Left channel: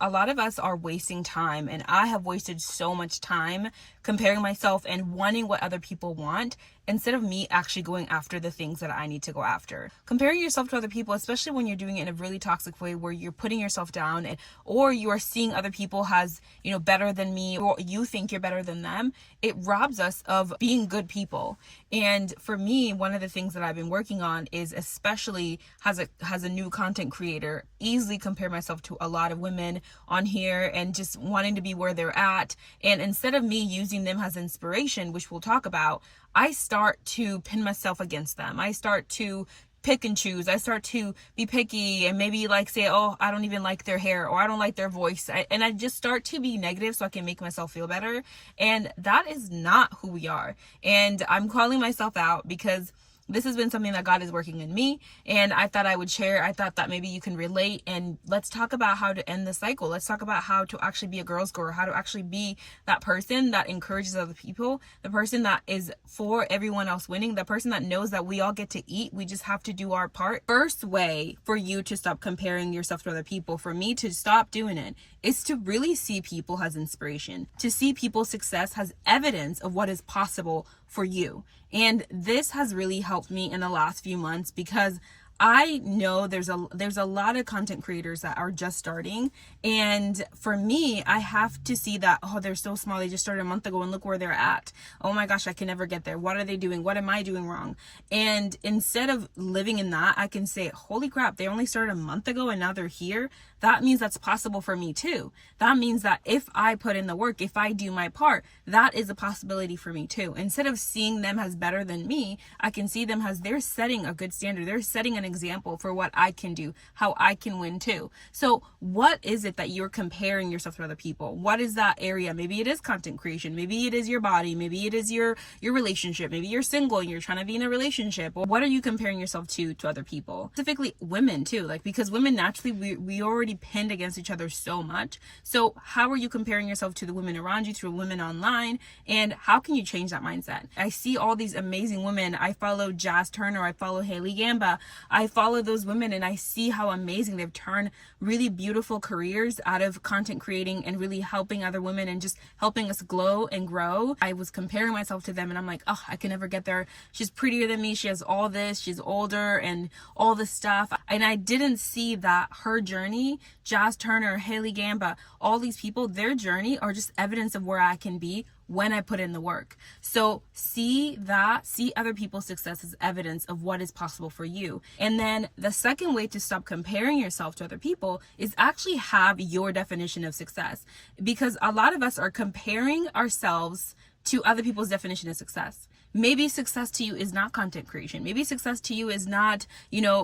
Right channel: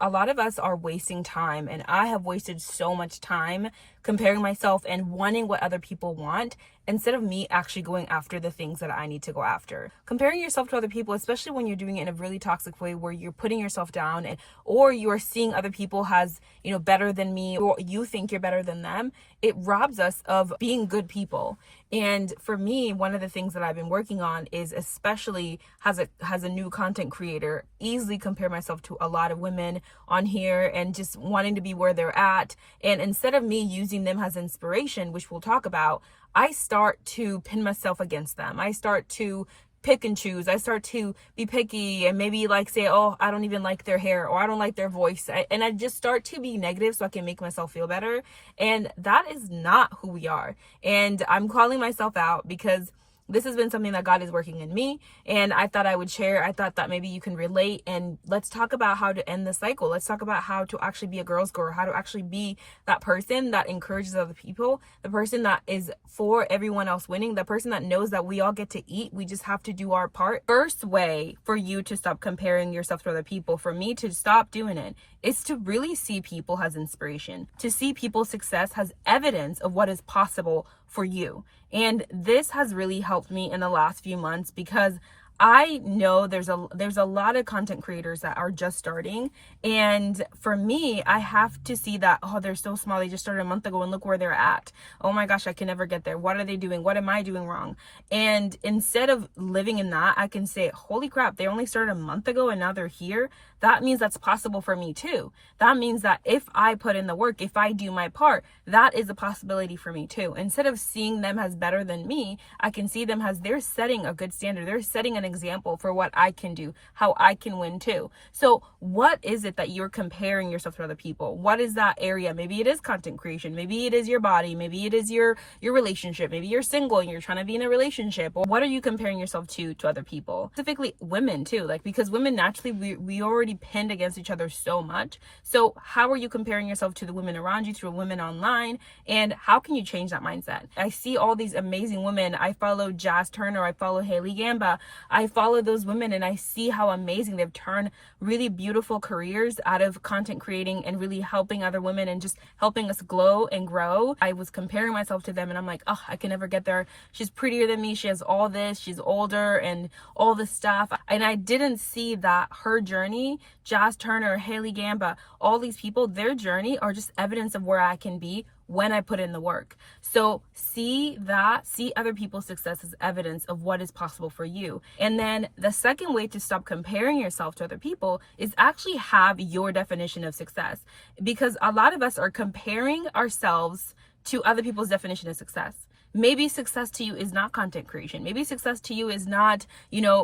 A lot of us are wasting time, and I have wasted so much time comparing myself and wanting what other people want instead of me actually going after the things that I need to go after. Comparing yourself to other people, especially when you're doing it in a really toxic way where you're putting yourself down or you are seeing other people as, better than me, or you think you're better than them, it robs us of being good people. And for me, one of the things that I've been working on is, especially as a new content creator, easily compare myself to a lot of women on here and just wanting to be where they're at. And instead of me using them as inspiration, which we'll talk about, I start to pin myself against them. I start to pick and choose. I start to be picky and maybe say, oh, I don't even like their hair, or I don't like their voice. And I just start to be negative so I can make myself feel better. And that is not who we are. And I'm calling myself out because this has been something that God is working in me, and I thought I would share. I thought that maybe you can relate, and let's talk about how to end the cycle. Let's talk about how to actually be a girl's girl, how to actually be that person that encourages other people, the person that is for everyone else winning, the person that knows that we all get to eat. We just have to do our part. First way for you to stop comparing yourself to other people, for me to stop doing it, is to really see people as inspiration, to see people's success as evidence of what is possible for you. And this has really helped me in the last few months because I know there's a lot of content creators that are just starting. And for me, I have to see that, oh, they're so small. They just started a month ago and look where they're at. Oh my gosh, I can never get there. What are they doing? What am I doing wrong? And instead of living in that, I can say, holy crap, they only started a month ago and now they're here. That means that's possible for me too. That means that if I put in the work, if I do my part, that is a possibility for me too. Instead of seeing them as better than me, I can see them as they're setting a good standard. They're setting an example for what I can do, how I can win too. So what is it that you're comparing yourself to other people? What is that area? Maybe it is content creation. Maybe it is your body. Maybe it is your relationship. Maybe you're single and you're trying to be in a relationship. Or what are you comparing yourself to other people? Specifically women too, because women naturally, we already pinned against each other so much. So how are you comparing yourself to the women around you, to the women online? And how can you change that mindset? I see all these amazing women. I follow Jazz Turner. I follow Haley Gamba. I follow those women and I see how amazing they've turned really beautiful careers out of content creating and really helping other women and just helping us glow and grow. I was comparing myself to them and I'm like, oh, I can never get there. She's prettier than me. She has all this. She's older and all this stuff. And I didn't see that her journey, Jazz Turner, Haley Gamba, all these people, their journey are just evidence of where I can be when I put in the work. So see other people's success as evidence of what is possible for you. And then the second way to stop comparing yourself to other people is actually have your definition of success. Because a lot of us are comparing ourselves to other people's definition of success. Maybe success to you is not content creation. Maybe success to you is not,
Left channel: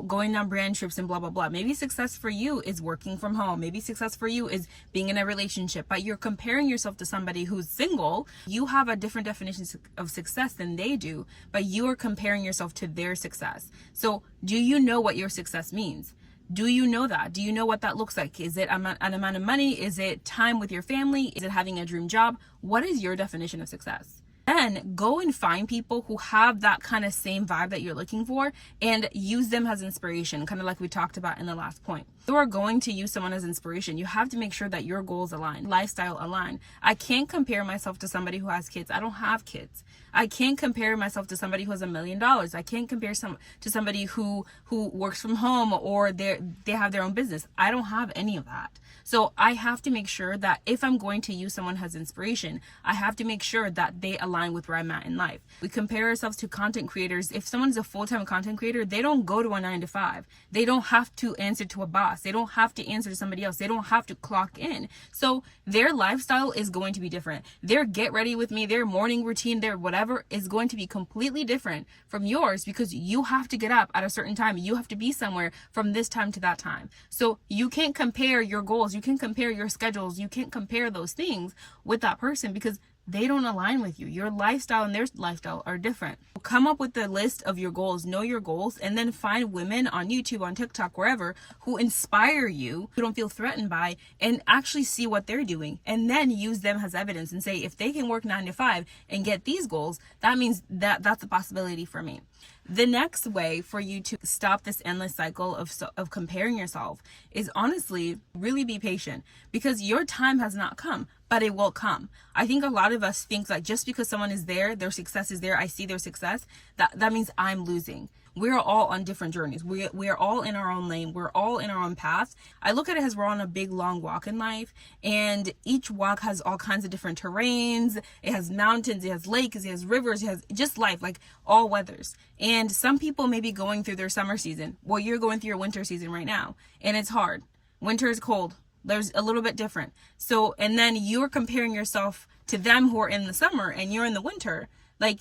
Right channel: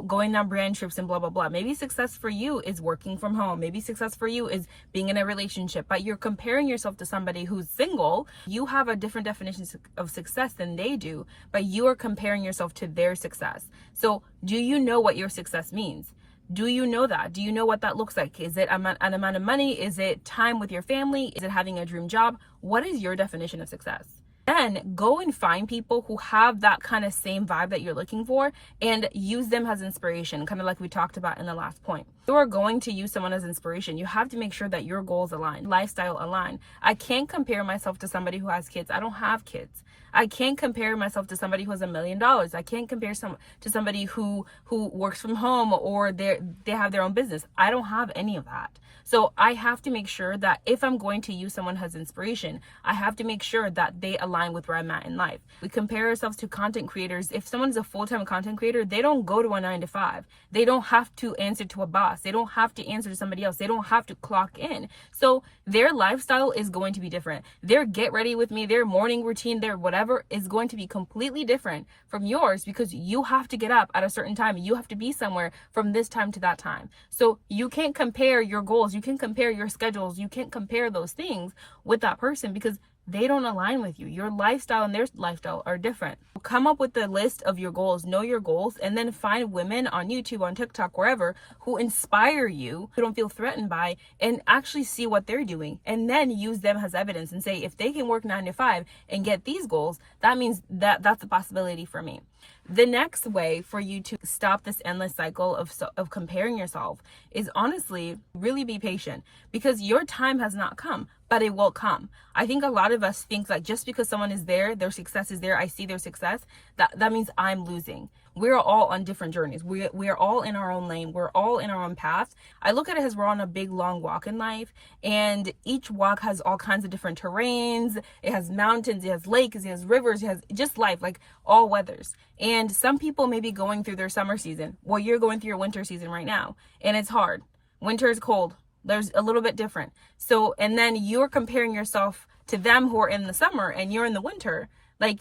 going on brand trips and blah, blah, blah. Maybe success for you is working from home. Maybe success for you is being in a relationship, but you're comparing yourself to somebody who's single. You have a different definition of success than they do, but you are comparing yourself to their success. So do you know what your success means? Do you know that? Do you know what that looks like? Is it an amount of money? Is it time with your family? Is it having a dream job? What is your definition of success? Then go and find people who have that kind of same vibe that you're looking for and use them as inspiration, kind of like we talked about in the last point. If you are going to use someone as inspiration, you have to make sure that your goals align, lifestyle align. I can't compare myself to somebody who has kids. I don't have kids. I can't compare myself to somebody who has $1 million. I can't compare to somebody who works from home or they have their own business. I don't have any of that. So I have to make sure that if I'm going to use someone as inspiration, I have to make sure that they align with where I'm at in life. We compare ourselves to content creators. If someone's a full-time content creator, they don't go to a 9-to-5. They don't have to answer to a boss. They don't have to answer to somebody else. They don't have to clock in. So their lifestyle is going to be different. Their get ready with me, their morning routine, their whatever is going to be completely different from yours because you have to get up at a certain time. You have to be somewhere from this time to that time. So you can't compare your goals. You can compare your schedules. You can't compare those things with that person because they don't align with you. Your lifestyle and their lifestyle are different. Come up with the list of your goals, know your goals, and then find women on YouTube, on TikTok, wherever, who inspire you, who don't feel threatened by, and actually see what they're doing. And then use them as evidence and say, if they can work 9 to 5 and get these goals, that means that that's a possibility for me. The next way for you to stop this endless cycle of comparing yourself is honestly really be patient, because your time has not come, but it will come. I think a lot of us think like just because someone is there, their success is there, I see their success, that means I'm losing. We're all on different journeys. We are all in our own lane. We're all in our own path. I look at it as we're on a big long walk in life, and each walk has all kinds of different terrains. It has mountains, it has lakes, it has rivers, it has just life, like all weathers. And some people may be going through their summer season. Well, you're going through your winter season right now, and it's hard. Winter is cold. There's a little bit different. So, and then you're comparing yourself to them who are in the summer and you're in the winter. Like,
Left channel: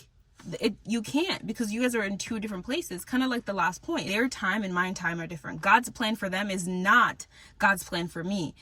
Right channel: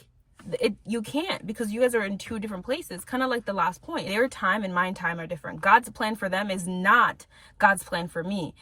you can't, because you guys are in two different places. Kind of like the last point, their time and my time are different. God's plan for them is not God's plan for me.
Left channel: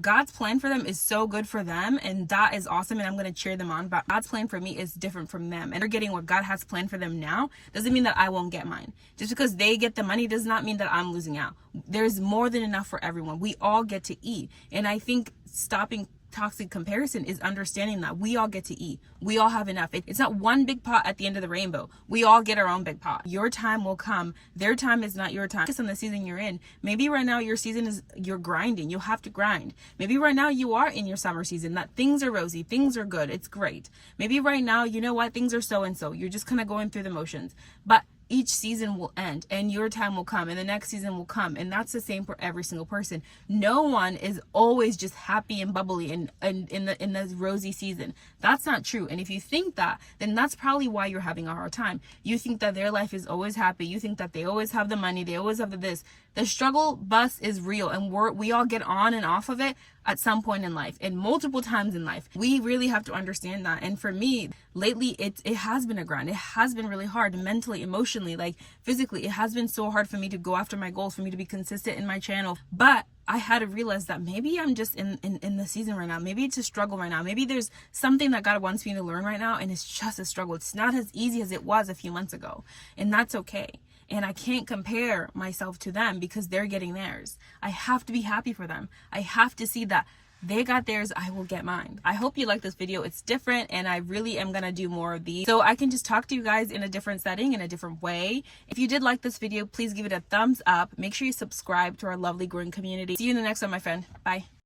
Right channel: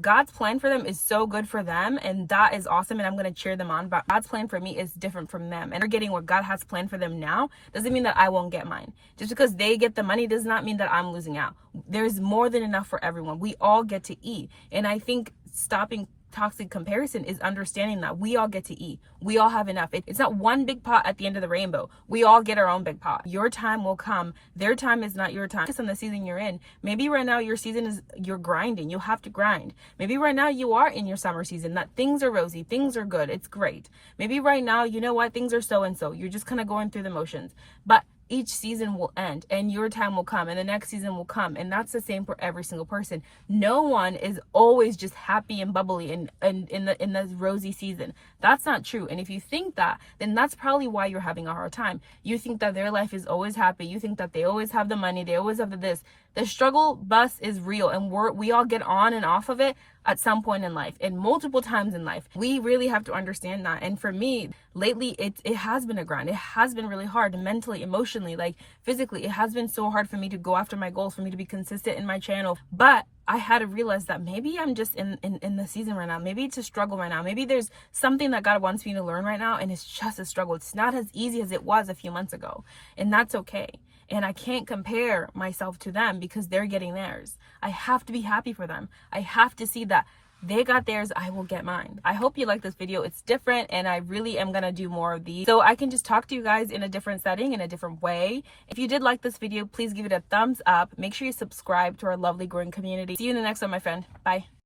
God's plan for them is so good for them, and that is awesome, and I'm going to cheer them on. But God's plan for me is different from them, and they're getting what God has planned for them now doesn't mean that I won't get mine. Just because they get the money does not mean that I'm losing out. There's more than enough for everyone. We all get to eat, and I think stopping toxic comparison is understanding that we all get to eat. We all have enough. It's not one big pot at the end of the rainbow. We all get our own big pot. Your time will come. Their time is not your time. Focus on the season you're in. Maybe right now your season is you're grinding. You'll have to grind. Maybe right now you are in your summer season, that things are rosy, things are good, it's great. Maybe right now, you know what, things are so and so. You're just kind of going through the motions. But each season will end and your time will come and the next season will come, and that's the same for every single person. No one is always just happy and bubbly and in the rosy season. That's not true. And if you think that, then that's probably why you're having a hard time. You think that their life is always happy. You think that they always have the money, they always have this. The struggle bus is real, and we all get on and off of it at some point in life and multiple times in life. We really have to understand that. And for me, lately, it has been a grind. It has been really hard mentally, emotionally, like physically. It has been so hard for me to go after my goals, for me to be consistent in my channel. But I had to realize that maybe I'm just in the season right now. Maybe it's a struggle right now. Maybe there's something that God wants me to learn right now, and it's just a struggle. It's not as easy as it was a few months ago, and that's okay. And I can't compare myself to them because they're getting theirs. I have to be happy for them. I have to see that they got theirs, I will get mine. I hope you like this video. It's different, and I really am gonna do more of these so I can just talk to you guys in a different setting, in a different way. If you did like this video, please give it a thumbs up. Make sure you subscribe to our lovely growing community. See you in the next one, my friend. Bye.